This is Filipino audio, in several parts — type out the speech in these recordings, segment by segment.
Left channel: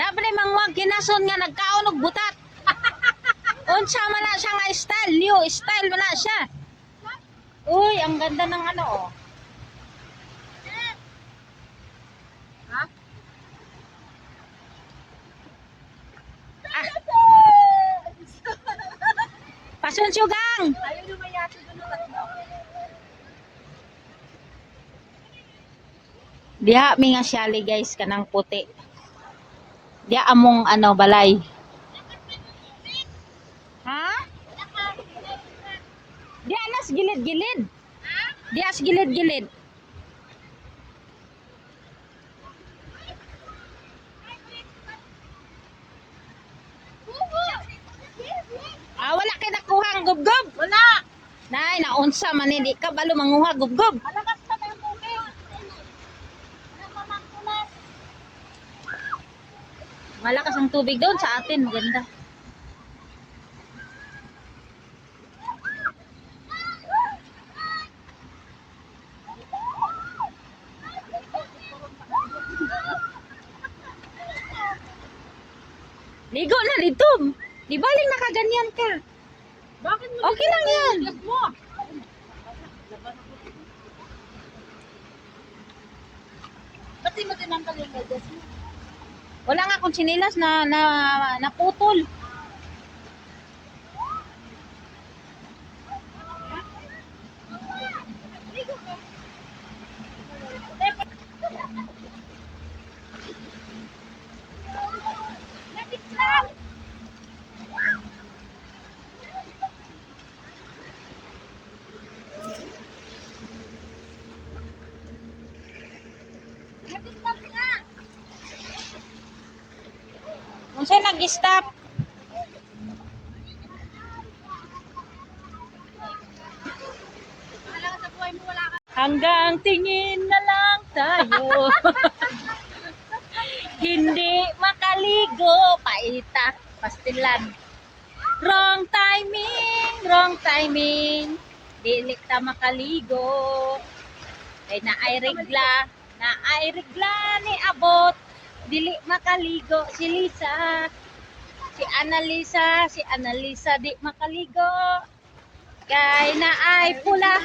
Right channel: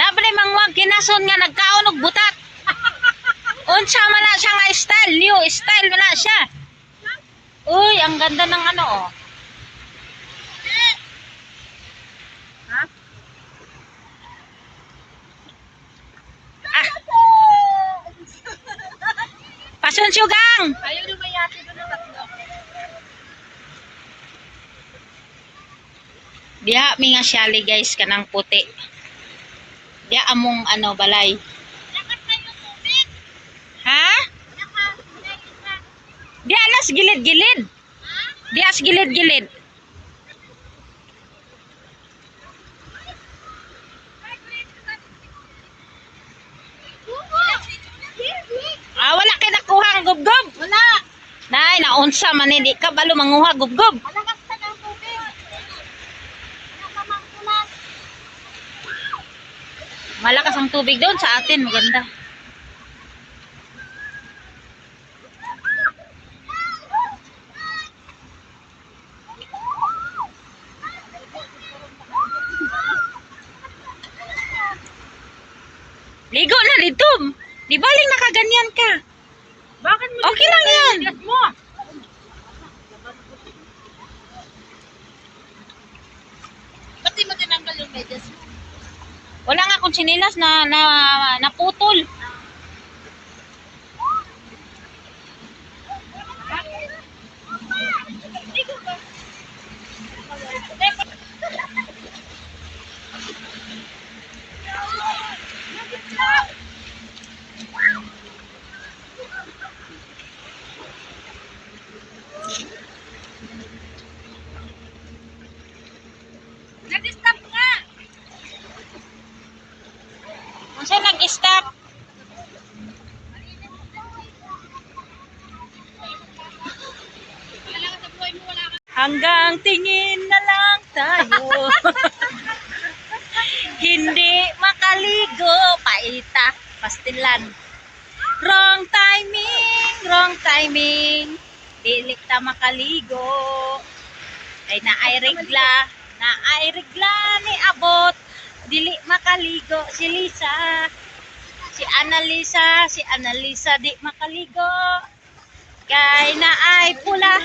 Nabre mangwag kinason nga nagkaon og butat. Unsa man na siya nga style, new style man na siya. Uy, ang ganda ng ano oh. Ha? Ah. Pasun sugang. Ayaw lumayati doon ng tatlo. Diha mi nga siyali guys kanang puti. Diha among ano balay. Ha? Di alas gilid-gilid. Di as gilid-gilid. Ah, wala kay nakuhang gubgob. Wala. Nay, naunsa man di ka balo manguha gubgob. Malakas na ng tubig. Ano ka mangkulas? Malakas ang tubig doon sa atin, maganda. Ligo na dito. Di baling nakaganyan ka. Bakit mo? Okay lang yan. Tigas mo. Ba't di mo tinanggal yung medyas mo? Wala nga akong sinilas na naputol. Nag-stop nga. Unsa nag-stop? Wala ka sa buhay mo, wala ka. Hanggang tingin na lang tayo. Hindi makaligo. Paita. Pastilan. Wrong timing. Dili ta makaligo. Kay naay regla ni abot. Dili makaligo si Lisa. Si Annalisa di makaligo. Kay naay pula.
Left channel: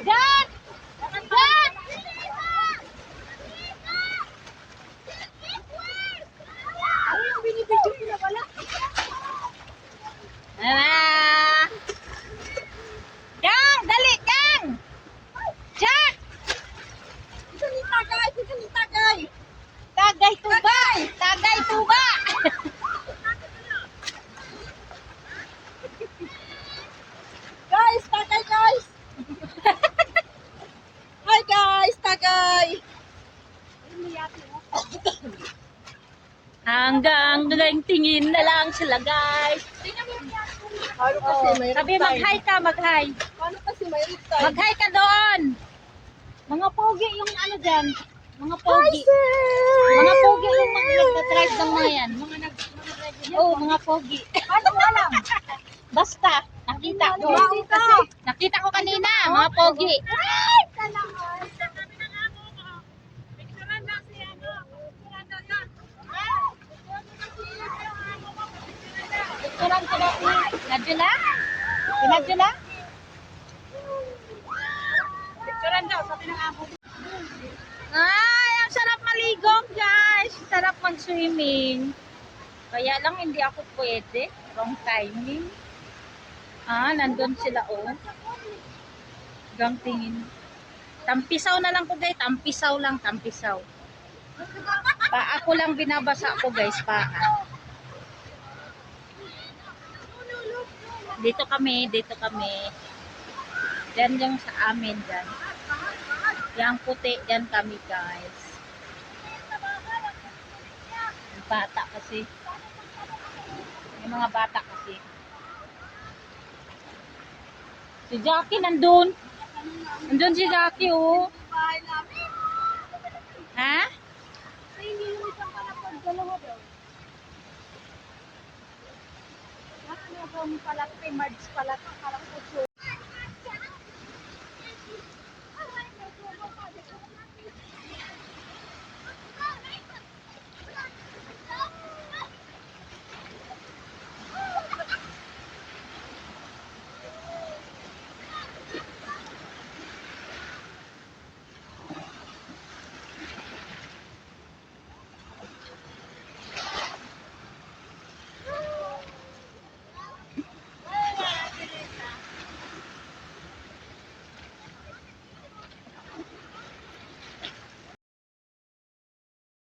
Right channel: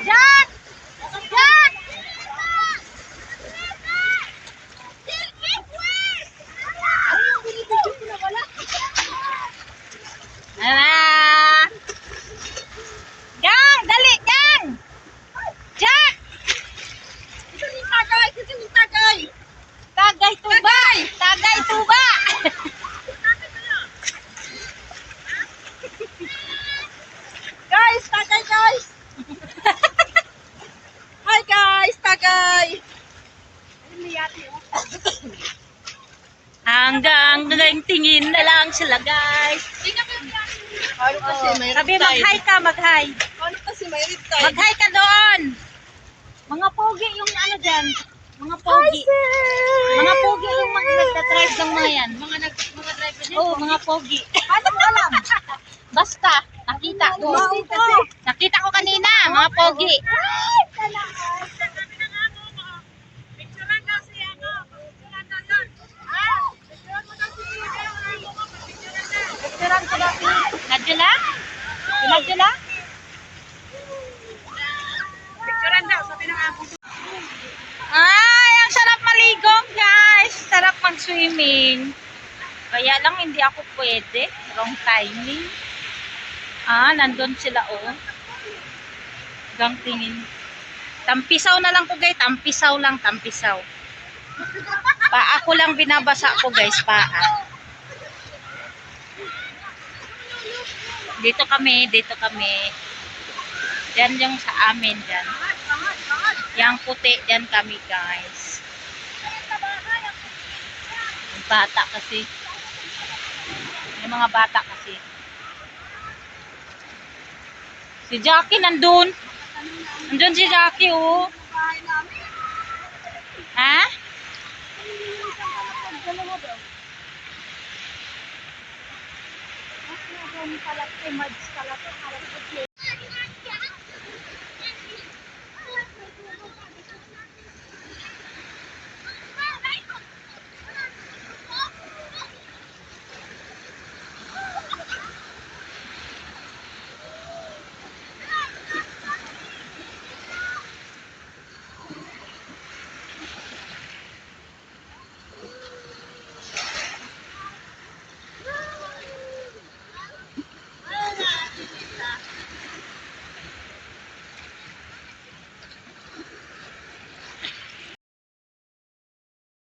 Jack! Jack! Ala! Gang! Dali! Gang! Jack! Ito ni tagay. Tagay tuba! Tagay tuba! Guys, tagay guys. Hi guys, tagay. Hanggang tingin na lang sila guys. Ano kasi may Sabi mag-hi ka, mag-hi. Ano kasi may riptide? Mag-hi ka doon. Mga pogi yung ano dyan. Mga pogi. Mga pogi yung mga nagda-drive ng mga yan. Mga driver niya. Oo, mga pogi. Paano mo alam? Basta, nakita ko. Nakita ko kanina, mga pogi. Picturean daw si ano. Picturean daw yun. Picturean mo daw si ano mo. Picturean daw. Picturean ko daw si Nadjula. Si Nadjula? Picturean daw, sabi ng amo. Ay, ang sarap maligo, guys. Sarap mag-swimming. Kaya lang hindi ako pwede. Wrong timing. Ah, nandun sila, oh. Hanggang tingin. Tampisaw na lang po, guys. Tampisaw lang, tampisaw. Paa ko lang binabasa ko, guys. Paa. Dito kami. Diyan yung sa amin, diyan. Yang puti, diyan kami, guys. Bata kasi. May mga bata kasi. Si Jackie nandun. Nandun si Jackie, oh. Ha? Pala, mads pala to.